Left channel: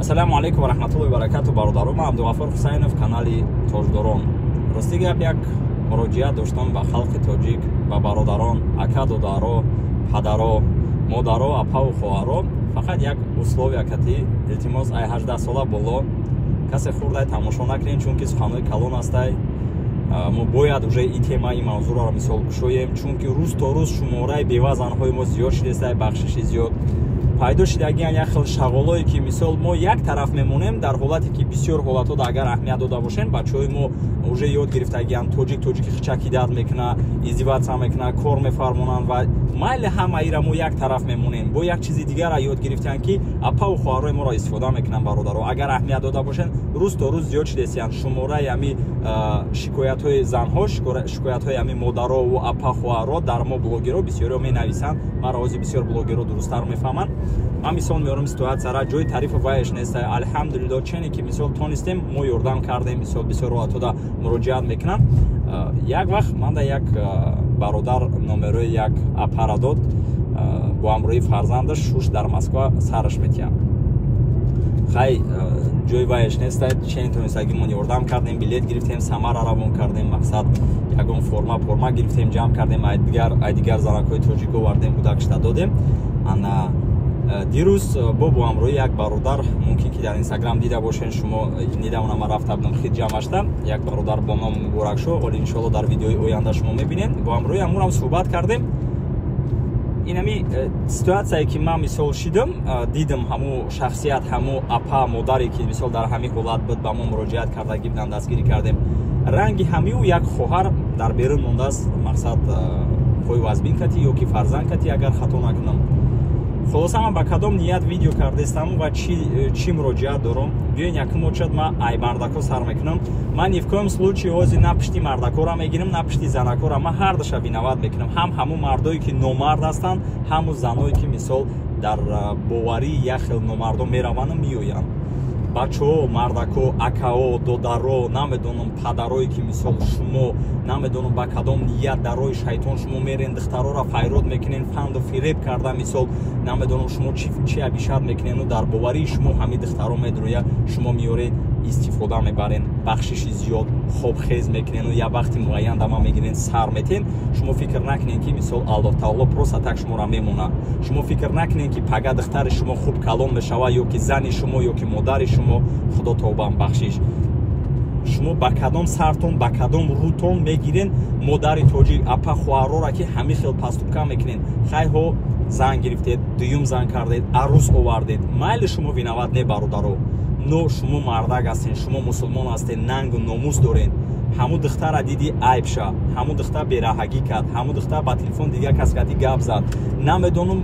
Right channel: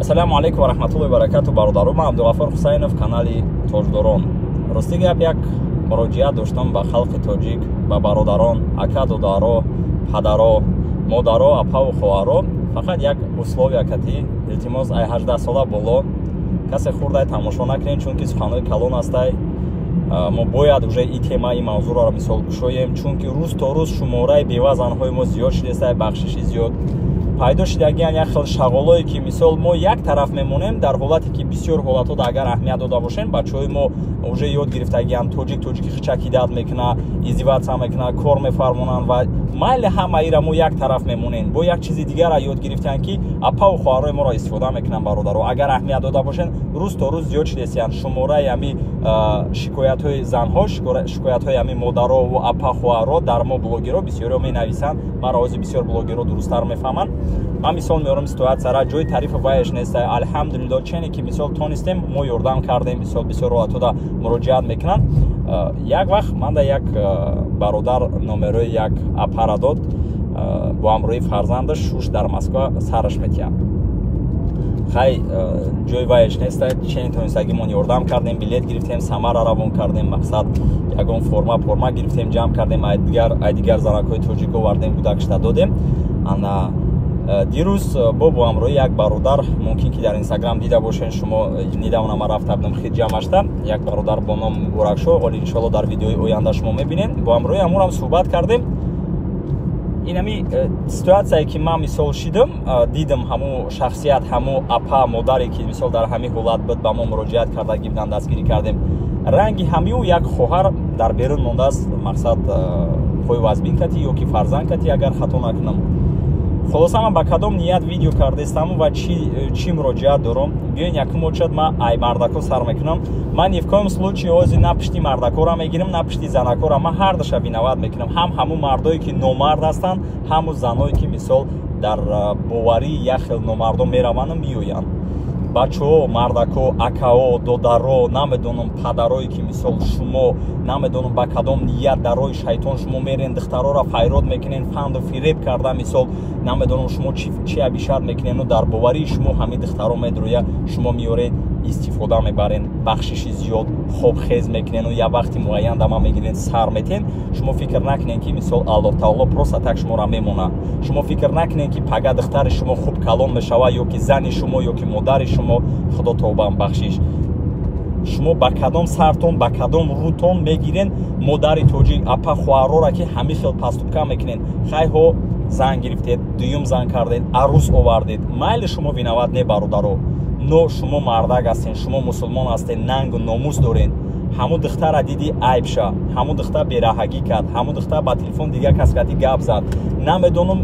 Ассалому алейкум ва раҳматуллоҳи ва баракатуҳ бародарон. Ман Абдуғаффор Ҳусайнов, канали Тоҷдорон. Рости гап як муроҷиат доштам ба халқи тоҷик, ба бародарон, ака додаро, падаро, модаро, апаву хоҳаро. Фақат як условия кати илтимос ай 18 сола боло касе хурдай тамошо накунед, чунки суханои калон астай. мо бояд уже и темаи мавзӯъро мисол кушоем, чунки рӯз то рӯз шумораи бевазанҳои мо зиёд шидааст, бахшиши зиёд пайдо шидагиян як хел шағолое ки мисол мо як тараф мемонем, дар ҳолате ки бисёр ҳолатода агар аҳамият дода бошем, бачаҳои мо уже ёд гирифтагиян тоҷики хичаки дад мекуна, издиваҷ мекуна, кор мефармонанд ва майли ҳамаира мо як тараф мемонем. Бо як чизи дигарро ёд гирифтан ки апаву хоҳарои моро истифода мекунанд бародаро. Агар аҳамият дода бошен, рӯз то рӯз зиёд шидааст шумораи ами шикоятҳои занҳо, шикоятҳои ами модарову апа хоҳаро дар мо блогеро бисёриҳо менависанд. Ва рози бисёр блогеро дурусттар мефаҳманд. Ман мисол меорам ситуатсияра ҷои тарифу вайш нест. Алҳамдулиллоҳ чене ки мисол тонистем мо ёрдам кардем, мисол бисёр ҳолатода муроҷиат мекунанд. Як вақт манда як бародар номерои як апара дод, бо ҳамроҳи фарзандаш шуш дар Москва сараш метиҳад. Хай ҷои вайш нест, чене тонистагимон ёрдам кардем, билет гирифтем, самара равон кардем, мақсад ягон форма гирифтем, ҷамъ кардем, ай дигар занакҳои тоҷик овардем, гудакшта додем. Ана дирӯз бо ҳамроҳи як бародар, мумкин ки дар инстаграм дида бошен шумо, недавно ман рафтам хит ҷамъашта, як бародар бо номи Муборакшо, оли иншоалло дар видеои оянда шумо мебинед. Бо ҳамроҳи ҳамонам суҳбат кардем. Инами ситуатсияе ки ман мисол шидам, дидам ҳамун шахсият, ҳамун апа модаре ки мисол дар ҳамин ҳолат буд ба мо муроҷиат кардаги будан, дастгирӣ кардем. Ранги ҳамиу як хоҳар дар берун мондааст, мақсад хоҳи вазбин кати ё ки фарзанд кати, агар хато накунам. Холоса ман ба кадом ният видео кардаистам ва чӣ муроҷиат дорам. Биёин якум очад ман ай мардако сар мекунам. Ман ни в коем случае ози на пишти мардакора мегирам, на пишти занакора. Ман ҳардаша виноват мекунам. Ҳамун мардое ки номард ҳастанд, ҳамун заное ки мисол дар боварии як хел номардо мераванд меоянд. Бачаҳо, мардако, акао, додаро, намедонам падарое ки мисол шумо намедонам ба кадом ният дар роҳи шайтон шумо мерен, духтароро файрод мекунен, фанду фиреб карда мисол намедонам шумо чӣ абишат мекунену дар боварии шумо ҳамин духтаро медроя, шумо меоред истифода мебарен, бахшиши зиёд, хобхез мекунену як вақти муайян дама мегирен, сар метен. Шумо фикр накунед ки мисол Аллоҳ таоло просто так шуморо мемонад. Шумо фикр накунед ки пага духтари шумо хуб калон мешавад ё ки зани шумо ё ки модари шумо, худо тобам бахшиш. Шумо ба кадом сартон, ба кадом рӯтон мегирен модари тоҷик, апа хоҳарора ки ҳамин хел паступка мекунен. Хайҳо зан гирифтед, дуюм зан кардед, арӯс овардед. Майли шумо виноват не бародаро, но шумо мардак ҳастен, шумо мусулмон ҳастен, нангу номус дорен. ҳамун духтара диди айб ша, ҳамун духтар бераҳагӣ кард, ҳамун духтар ба телефон дигар кас кати гап зад. Намедонам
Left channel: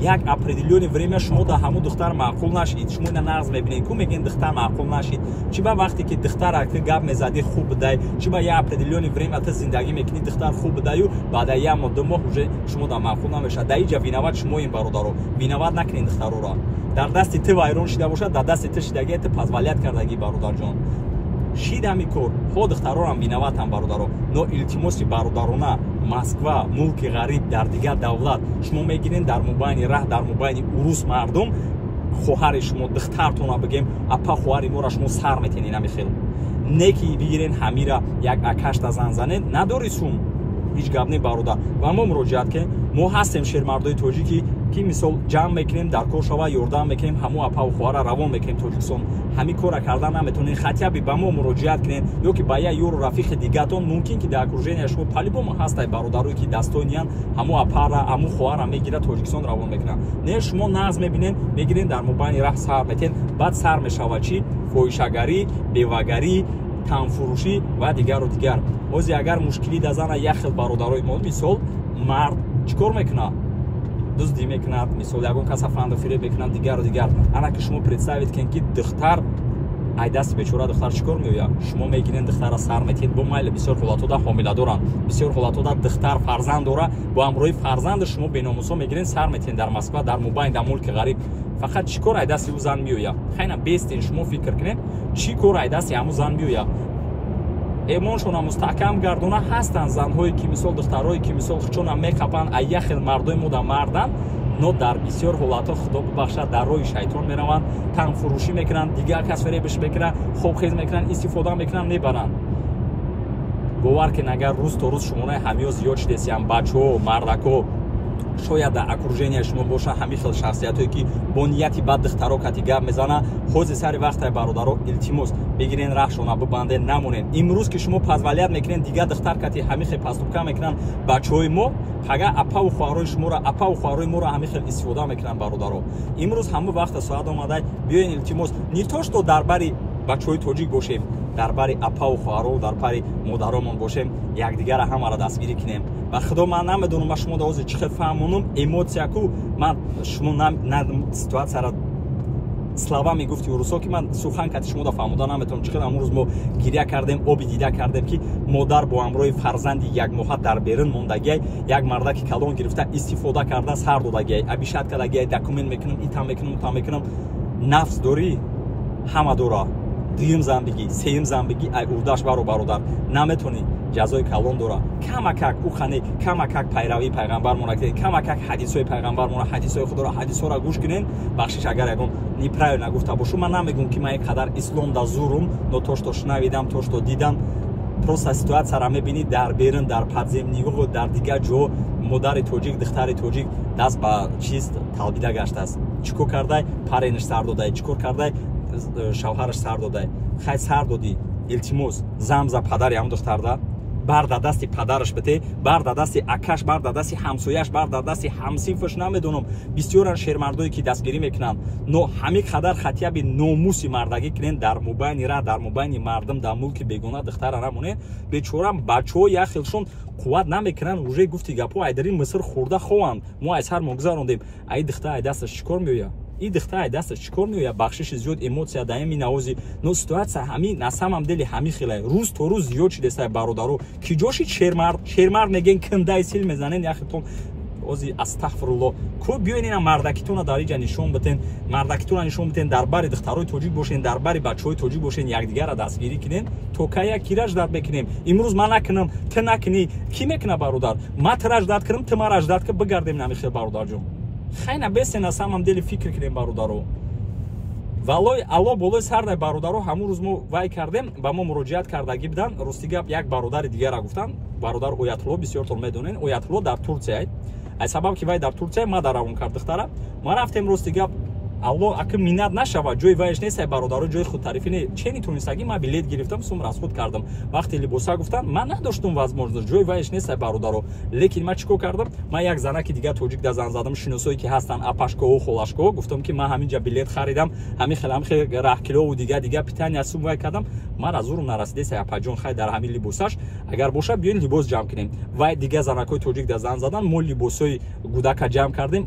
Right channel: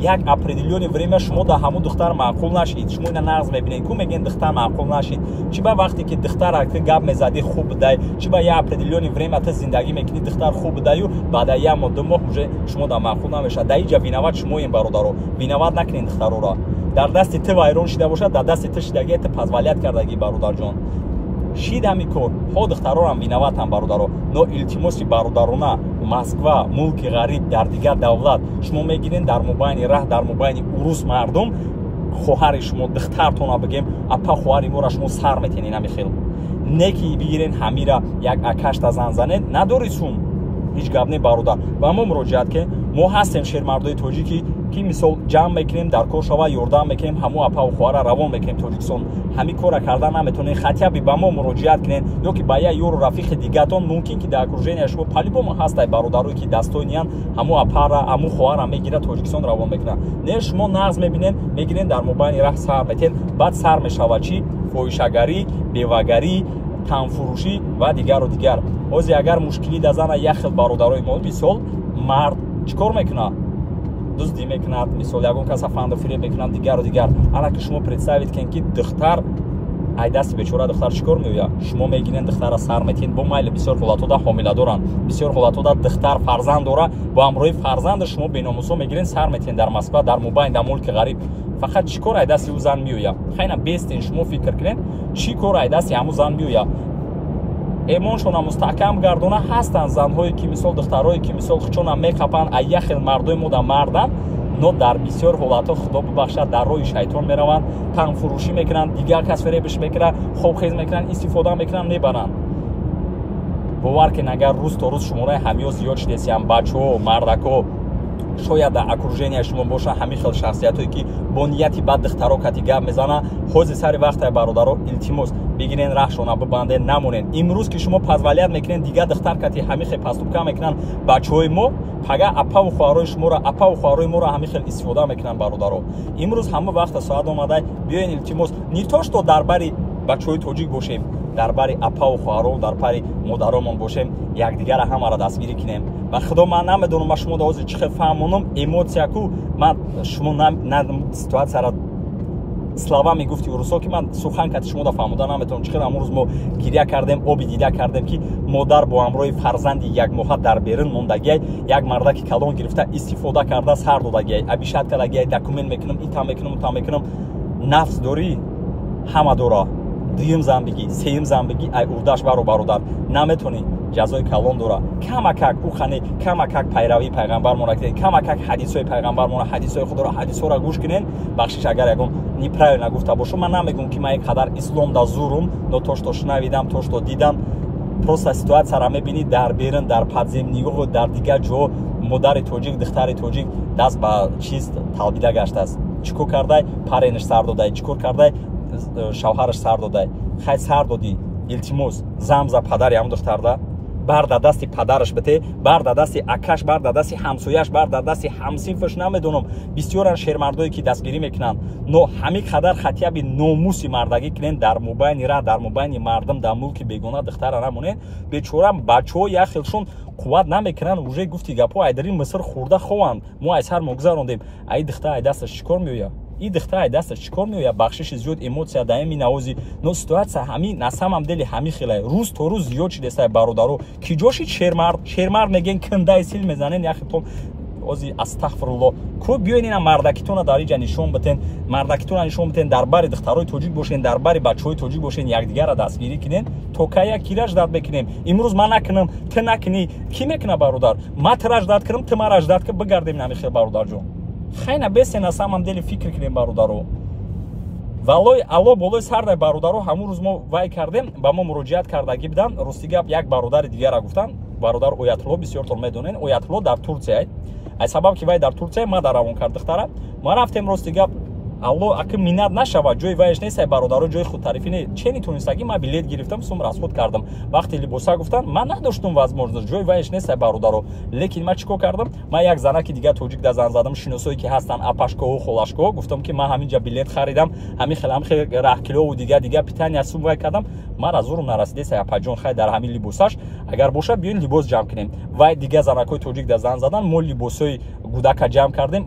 як определённое время шумо да ҳамун духтар маъқул нашид. Шумо ина нағз мебинед ку мегӯянд духтар маъқул нашид. Чӣ ба вақте ки духтара ти гап мезади хуб будай, чӣ ба як определённое время ти зиндагӣ мекунӣ духтар хуб будаю, баъда як моҳ ду моҳ уже шумо да маъқул намешад. Дар инҷа виноват шумоем бародаро. Виноват накунед духтароро. Дар дасти ти вайрон шида бошад, дар дасти ти шидагӣ ти позволят кардаги бародарҷон. Шид ҳамин кор, ҳо духтарорам виноватам бародаро, но илтимоси бародарона Москва, мулки ғариб, дар дигар давлат шумо мегирен дар мобайни раҳ, дар мобайни урус мардум хоҳари шумо духтартона бигем, апа хоҳари моро шумо сар метенед ҳамин хел. Не ки бигирен ҳамира як акашта зан занед, надори сум. Ҳеҷ гап не бародар. Ба мо муроҷиат ке, мо ҳастем шермардои тоҷики ки мисол ҷамъ мекунем, дар кор шава ёрдам мекунем, ҳамун апаву хоҳара равон мекунем Тоҷикистон. Ҳамин кора карда наметонем, хотя би ба мо муроҷиат кунед ё ки ба як ёру рафиқи дигатон, мумкин ки дар окружения шумо по-любому ҳастай бародарое ки дастойниянд, ҳамун апара, ҳамун хоҳара мегирад Тоҷикистон равон мекунад. Не шумо нағз мебинед, мегирен дар мобайни раҳ сар метен, баъд сар мешавад чӣ? Фоҳишагарӣ, бевагарӣ, танфурӯшӣ ва дигару дигар. Ози агар мушкилӣ да зана як хел бародарои мо, мисол мард чӣ кор мекунад? дуздӣ мекунад, мисол ягон каса фанду фиреб мекунад, дигару дигар. Ана ки шумо представид кунед ки духтар ай дасти бечора духтар чӣ кор меояд? Шумо мегирен духтара сар метен, бо майли бисёр ҳолатода ҳомила доранд, бисёр ҳолатода духтар фарзанд дора, бо ҳамроҳи фарзанди шумо беномусо мегирен сар метен дар Москва, дар мобайн, дар мулки ғариб. Фақат чӣ кор ай дасти ӯ зан меояд? Хайна бестен шумо фикр кунед, чӣ кор ай дасти ҳамун зан меояд? эмоншона мустаҳкам гардона ҳастанд занҳое ки мисол духтарое ки мисол хучона мекапанд, ай як хел мардои мода марданд, но дар бисёр ҳолатҳо худо бубахшад дар роҳи шайтон мераванд, танфурӯшӣ мекунанд, дигар кас фиребиш мекунад, хобхез мекунанд, истифода мекунанд, мебаранд. бовар кунед агар рӯз то рӯз шумораи ҳамиҳо зиёд шудесиям, бачаҳо, мардако, шояд дар окруженияи шумо бошанд ҳамин хел шахсиятое ки бо нияти бад духтаро кати гап мезананд. ҳозир сари вақтай бародаро илтимос бигирен рахшона бибандед, намонед. имрӯз ки шумо позволят мекунед дигар духтар кати ҳамин хел паступка мекунанд бачаҳои мо, пага апаву хоҳарои шуморо, апаву хоҳарои моро ҳамин хел истифода мекунанд бародаро. имрӯз ҳама вақта соат омадай, биёен илтимос не то што дар бари бачаҳои тоҷик бошем, дар бари апаву хоҳаро, дар бари модаромон бошем, якдигара ҳамаро дастгирӣ кунем. ва худо ман намедонам, ман шумо ҳозир чӣ хел фаҳмонам, эмотсияку ман шумо на ситуатсияро слова мегуфти рӯсо ки ман сухан кати шумо да фаҳмода наметавонам. чӣ хел амрӯз мо гиря кардем, оби дида кардем ки модар бо ҳамроҳи фарзанди як моҳа дар берун мондагиай, як мардаки калон гирифта истифода карда сар додагиай, абишат кардагиай, документ мекунам, ита мекунам, ута мекунам. нафс дорӣ, ҳама дора. дуюм занбигӣ, сеюм занбигӣ, ай урдаш баро бародар, наметонӣ ҷазои калон дора. камакак ухане, камакак пайравии пайғамбармонро кунед, камакак ҳадисҳои пайғамбармонро, ҳадисҳои худоро, ҳадисҳоро гӯш кунед. бахшиш агар ягон неправилно гуфта бошум, ман намегӯм ки ман ин қадар ислом да зурум, но то што шунавидам, то што дидам, просто ситуатсияро мебинӣ дар берун, дар подземнигоҳу дар дигар ҷо модари тоҷик, духтари тоҷик даст ба чиз талбида гаштааст. чӣ кор кардай? паренаш сар додай, чӣ кор кардай? шавҳараш сар додай. хай сар додӣ, илтимос замза падари ҳам духтарда бар дар дасти падараш бите, бар дар дасти акаш, бар дар дасти ҳамсояш, бар дар дасти ҳамсинфаш. намедонам бисёран шермардое ки дастгирӣ мекунанд, но ҳамин қадар хатияби номуси мардагӣ кунед дар мобайни ра, дар мобайни мардум, дар мулки бегона духтара намонед. бечора бачаҳо як хелшон қувват намекунанд, уже гуфти гапҳо ай дар ин миср хӯрда хованд, мо ай сар мегузарондем. ай духтар ай дасташ чӣ кор меояд? ин духтар ай дасташ чӣ кор меояд? бахшиши зиёд, эмотсия даими навози, но ситуатсия ҳамин на самом деле ҳамин хелай рӯз то рӯз зиёд шудесай бародаро ки ҷоши шермард мегӯен кундай сил мезанен. яхи то ози астағфирулло, ко биёен ина мардакитона дар инҷа нишон битен, мардакитона нишон битен, дар бари духтарои тоҷик бошен, дар бари бачаҳои тоҷик бошен, якдигарро дастгирӣ кунен. то кая ки раҷдат мекунем? имрӯз ман накунам, ту накунӣ, ки мекуна бародар? ман ту раҷдат кунам, ту ман раҷдат кун, бигардем намин хел бародарҷон. хайна бесен на самом деле фикр кунем бародаро. валлои алло болои сардай бародаро ҳамун рӯз мо вай кардем, ба мо муроҷиат кардагӣ будан. рости гап як бародари дигарро гуфтам, бародар оятулло, бисёртон медонен, оятулло дар Турсия. ай сабаб ки вай дар Турсия, ма дар равон кард духтара, ма рафтем. рости гап алло аки минат нашавад, ҷои вайш нест, ай бародаро ҷои худтарифӣ не. че нитонистагӣ ман билет гирифтам, сум расход кардам. вақти либоса гуфтан, ман надоштум возможност, ҷои вайш нест, ай бародаро. лекин ман чӣ кор кардам? ман як занаки дигар тоҷик да зан задам, шиносое ки ҳастанд, апашкоҳо, холашкоҳо, гуфтам ки ман ҳамин ҷа билет харидам, ҳамин хел раҳкилову дигар питания сум вай кардам. ман аз зурум нарасидест, ай апаҷон, хай дар ҳамин либосаш агар боша биён либос ҷамъ кунем. вай дигар занакҳои тоҷик да зан задан, мо либосҳои гудака ҷамъ кардем,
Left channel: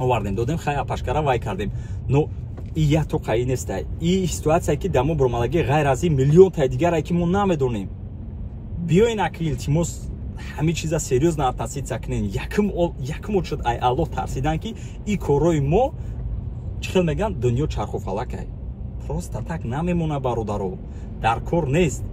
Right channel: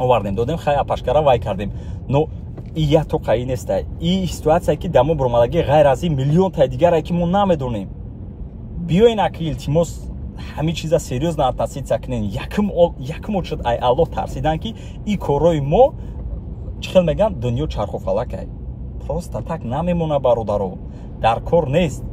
овардем додем, хай апашкара вай кардем. но и як тоқаи нест. и ситуатсия ки дамо буромадагӣ ғайр аз ин миллионтаи дигаре ки мо намедонем. биёен аки илтимос ҳамин чиза серьёзно относиться кунем. якум очуд ай аллоҳ тарсидан ки и корҳои мо чӣ хел мегӯянд, дунё чархуфалакай. просто так намемона бародаро, дар кор нест.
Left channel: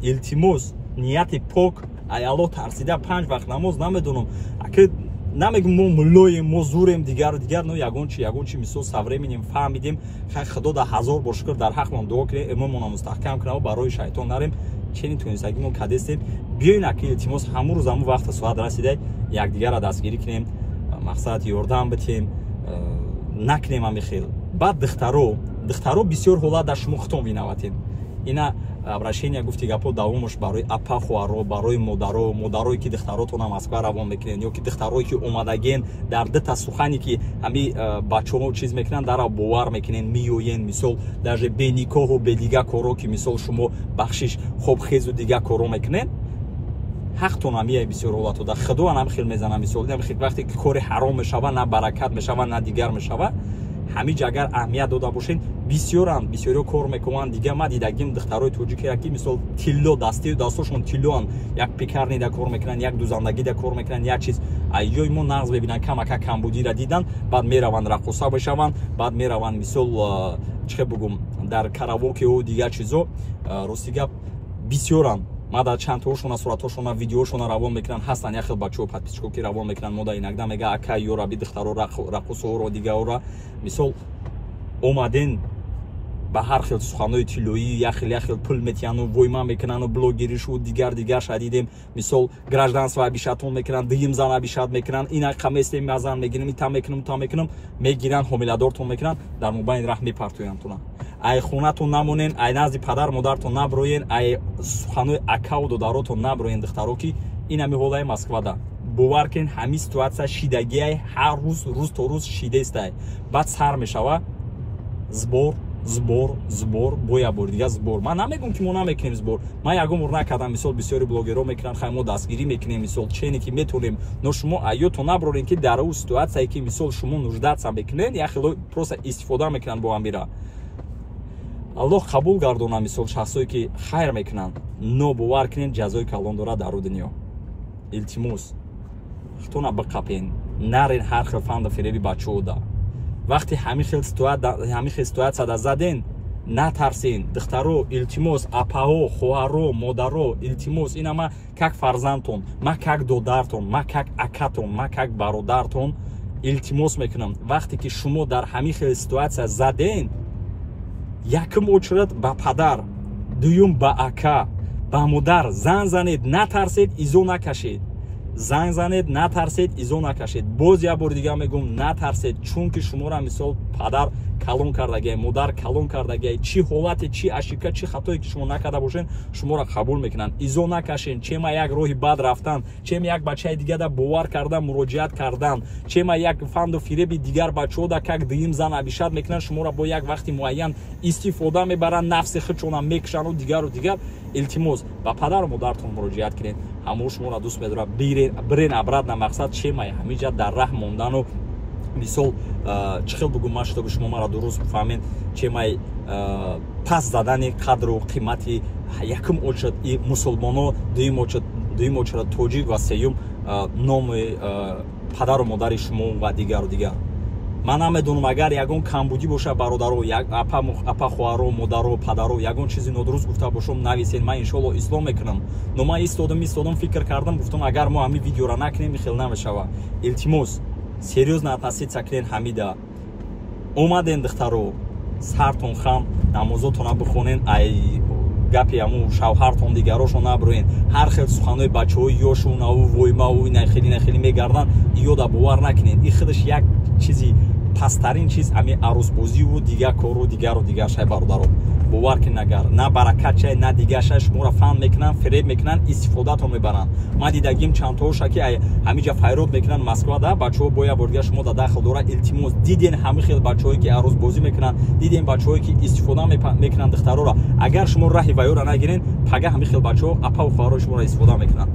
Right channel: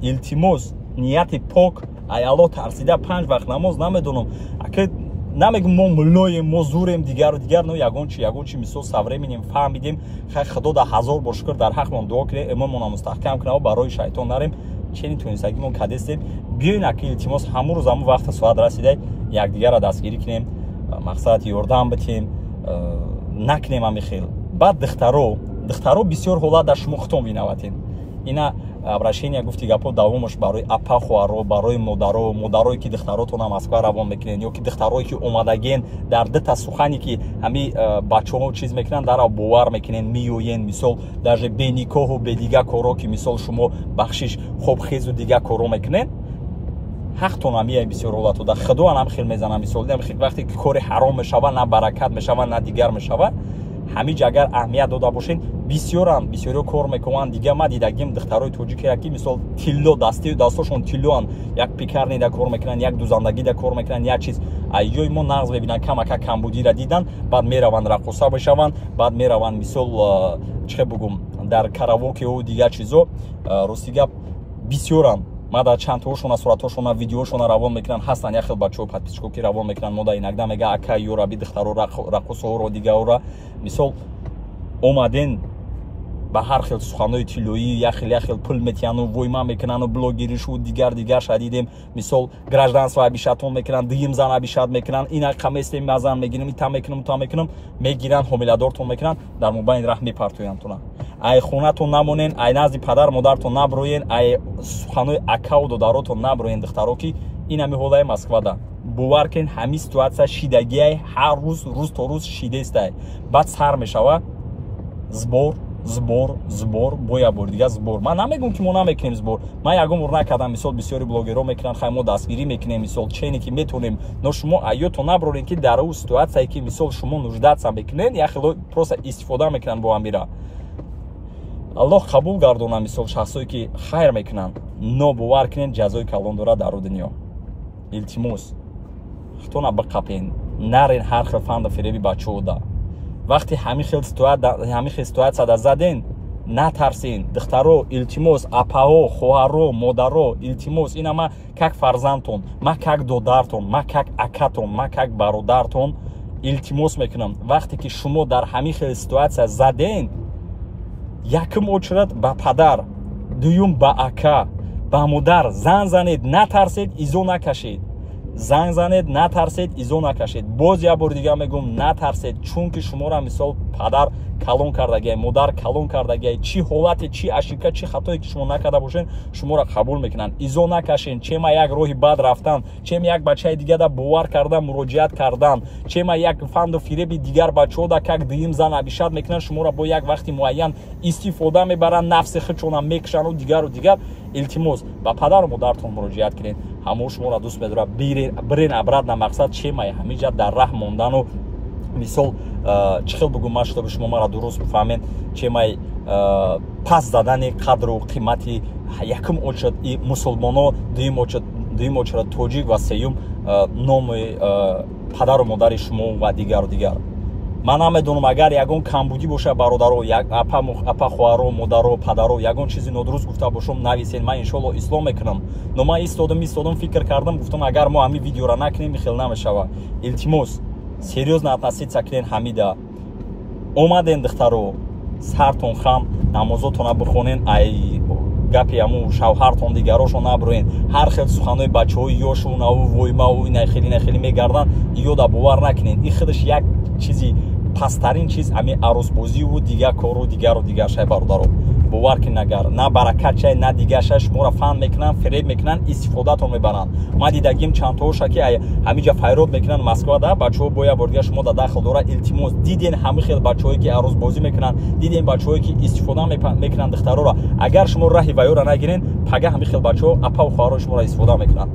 илтимос нияти пок, ай аллоҳ тарсида 5 вақт намоз, намедонам аки намегӯм мо муллоем, мо зурем, дигару дигар, но ягон чи мисол савреминем, фаҳмидем. хай худо да ҳазор бор шукр дар ҳақмон дуо кунем, имонмона мустаҳкам кунав, барои шайтон нарем. чени тунистагӣ мо кадестем. биёен аки илтимос ҳамун рӯз ҳамун вақта соат расида якдигарро дастгирӣ кунем, мақсад ёрдам битем, накунем ҳамин хел. баъд духтаро бисёр ҳолат дар шумо хито менаватед. ина обращение гуфти гапо давомаш барои апа хоҳаро, барои модарое ки духтаротона Москва равон мекунен, ё ки духтарое ки омадаген дар дита сухане ки ҳами бачаҳо чиз мекунанд, дара бовар мекунен, меоен, мисол даже беникоҳу бедигар коро ки мисол шумо бахшиш хобхезу дигар коро мекунен. ҳақтона мияй бисёр ҳолатода худо ҳам хел мезанам. мисол вақте ки кори ҳаром мешава, на баракат мешава, на дигар мешава. ҳамин ҷа агар аҳамият дода бошен, бисёриҳо кор мекунанд. дига ма дидагим духтарои тоҷикера ки мисол тилло дастошон тиллоан, як пекарнида кор мекунанд, як дузандагида кор мекунанд, як чиз айёи мо нағз мебинанд, камака камбудиро дидан, баъд мераванд рақоса мешаванд, баъд мераванд мисол чӣ бугум дар каравокеҳо дигар чизо. рости гап бисёранд ма дар чандтаошона суратҳошона видеоошона равон мекунанд ҳастанд як хел бачаҳо подписчикҳо ки равон мекунанд мода инагда мега ака ёра би духтаро рақосоҳоро дигаора мисол омаден ба ҳар хел суханҳои тиллоӣ як хел пул метиҳану войма мекунану блогеришу дигар шадидем мисол гражданство абишатон мекунанд дуюм зан абишат мекунанд ина қаместем мазан мегирам ита мекунам та мекунам мегиранд ҳомиладортон мекунанд дар мобайни раҳ мепартояндтона ай хонатон намонен ай назди падар модаратон наброен ай суханҳои акау додаротон наброен духтаро ки ина меҳолаи москвада бовар кунед ҳамин ситуатсия шидагиай ҳар рӯз то рӯз шидаистай баъд сар мешава збор боя бор дига збор ман намегум ки мо намекунем збор ман ягон бор накардам мисол бисёри блогерҳо мекунанд хай мо дастгирӣ мекунем мисол чене ки метонем но шумо айётон наброрен ки дар ӯ ситуатсияе ки мисол шумо нуждатса мекунед як хело просто истифода мекунанд бо амира аллоҳ қабул гардона мисол шахсое ки хайр мекунанд но бовар кунед ҷазои калон дорад дар дунё илтимос хитона биқапен нарен ҳар хел фанду фиреби бачаҳода вақте ҳамин хел ситуатсияда заден натарсен духтаро илтимос апаҳо хоҳарро модарро илтимос ина ма как фарзандтон ма как додартон ма как акатон ма как бародартон илтимос мекунам вақте ки шумо дар ҳамин хел ситуатсия заден якум очередь ба падар дуюм ба ака ба модар зан занед натарсед изо накашед занг занед натарсед изо накашед боз як бор дига мегум натарсед чунки шуморо мисол падар калон кардагиай модар калон кардагиай чи ҳолате чи ашика чи хатое ки шумо накарда бошед шуморо қабул мекунанд изо накашед чема як роҳи бад рафтан чема як бачаи дигада бовар кардан муроҷиат кардан чема як фанду фиреби дигар бачаҳода как дуюм зан абишат мекунанд шуморо бо як вақти муайян истифода мебаранд нафси худшона мекушану дигару дигар илтимос ба падару модаратон муроҷиат кунед ҳамао шуморо дӯст медорад бирен обратно мақсад чемае ҳамиҷа дар раҳ мондану мисол чӣ хел бигӯм ман шутоби шумо маро дуруст бифаҳмед чемай пас задани қадру қимати якум очередь мусулмоно дуюм очередь тоҷик ва сеюм номи падару модари шумо ва дигару дигар ман намедонам агар ягон камбудӣ боша бародаро апа хоҳаро модаро падаро ягон чизи нодуруст гуфта бошам нависед ман иншоалло ислом мекунам но ман истодам фикр кардам гуфтам агар мо ҳамин видеоро накунем хел намешава илтимос серьезно относиться кунед ҳамида омаден духтаро сартон хам намозотона бихонен ай гапи аму шавҳартон дигарошо наброен ҳар хел суханҳои бачаҳои ёшунаву воймаву инахели мегарданд ёда бовар накунед ин худаш як чизи пасттарин чиз ами арӯсбозиву дигар кору дигару дигар шай бародаро бовар ки нагар на баракат чай на дигар шай шуморо фаҳм мекунанд фиреб мекунанд истифодатон мебаранд ман дидагим чандтаоша ки ҳамиҷа файрод мекунанд москвада бачаҳо бо як бор дига шумо дар дахл дора илтимос диден ҳамин хел бачаҳое ки арӯсбозӣ мекунанд диден бачаҳое ки истифода мекунанд духтароро агар шумо раҳи ваёра нагирен пага ҳамин хел бачаҳо апаву хоҳарои шуморо истифода мекунанд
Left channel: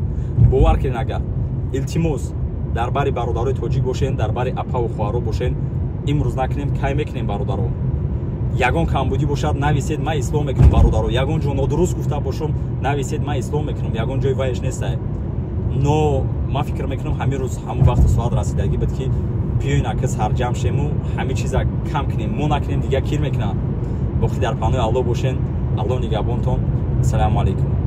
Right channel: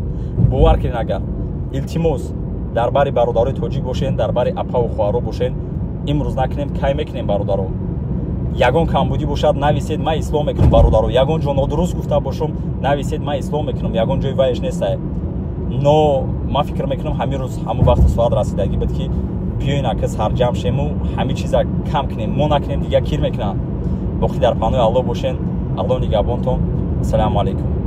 бовар ки нагар илтимос дар бари бародарои тоҷик бошен дар бари апаву хоҳаро бошен имрӯз накунем кай мекунем бародаро ягон камбудӣ бошад нависед ман ислом мекунам бародаро ягон ҷо нодуруст гуфта бошам нависед ман ислом мекунам ягон ҷои вайш нестай но ман фикр мекунам ҳамин рӯз ҳамун вақту соат расидагӣ буд ки биёин ака сарҷамъ шему ҳамин чиза кам кунем мо накунем дига кир мекунам боқӣ дар паноҳи аллоҳ бошен аллоҳ нигаҳбонтон ассалому алайкум.